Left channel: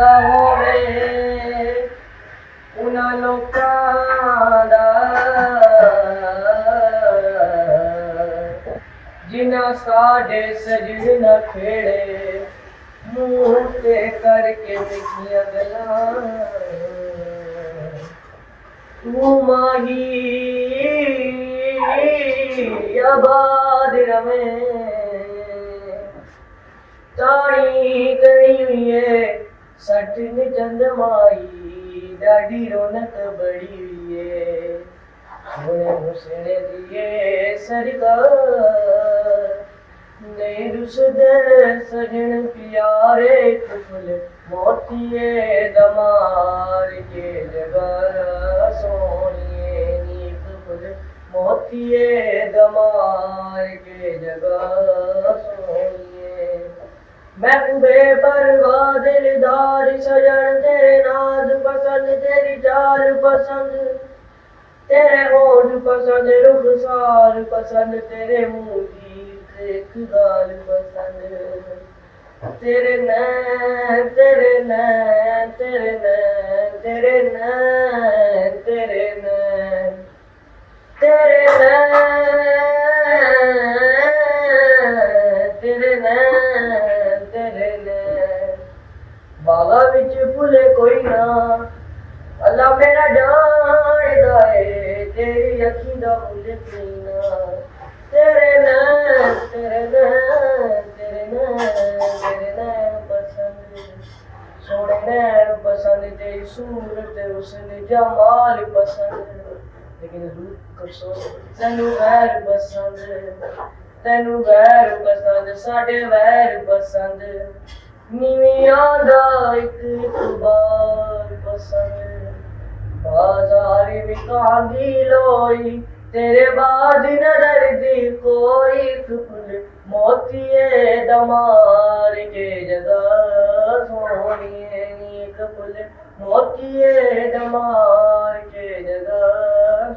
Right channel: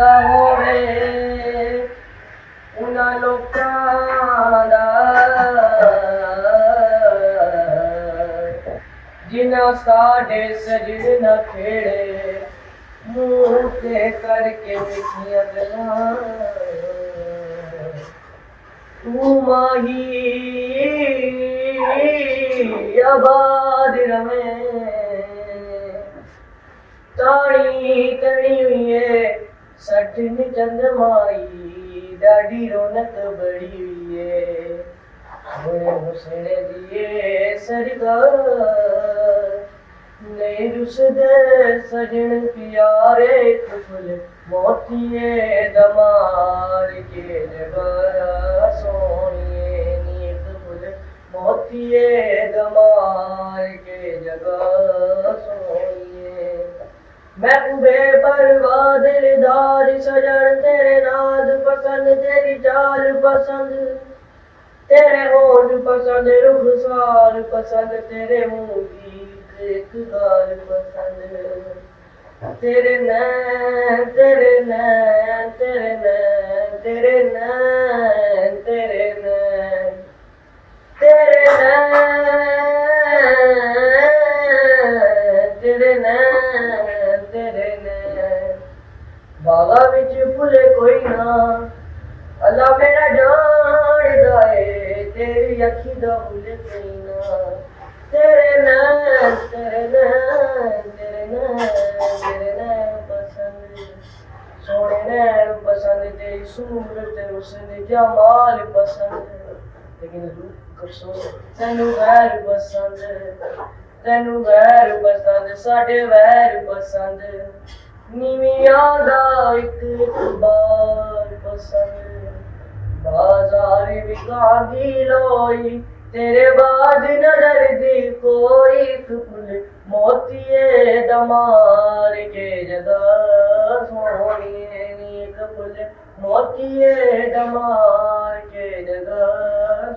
ना होवे उन्हां लोकां दा जिन्हां साडे सजन न खेड़े मुंह ते करके मिठियां गल्लां तू माही आबाद रवे ताणी कड़ी हुई है सटन चंदमाई डाढ़ी रौनक बड़ी हुई है सोने हुसैन दिए सरकार ने रुसदे सजन प्यारे कुफल मोतिए दमार के जगह सोनिए नीक फुल मोतिए दमार के जगह सोनिए महबूबे परवाह दिलदार सजन तेरे नाद पसंद तेरी चाल पसंद तेरे होठ पसंद रुखसार पसंद तेरे मुंह की एक गाल पसंद तेरे नैन तेरे नैन तेरे नैन तेरे नैन तेरे नैन तेरे नैन तेरे नैन तेरे नैन बाला विच फुले कोई ना अल्लाह मेरा जानदा है तेरी अखी दा मुझ पीना तेरे नैन तेरे नैन तेरे नैन तेरे नैन पसंद सोने नैन पसंद तेरी सूरत हुस्न जमाल पसंद लेकिन रूप कसो तेनू गैर पसंद साडे वैर पसंद नीवियां दा इक इतबार पसंद बाजार विकांदी लोई तेरे बाद नजर दी कोई फुल मोतिए दमार के जगह सोनिए नीक फुल मोतिए दमार के जगह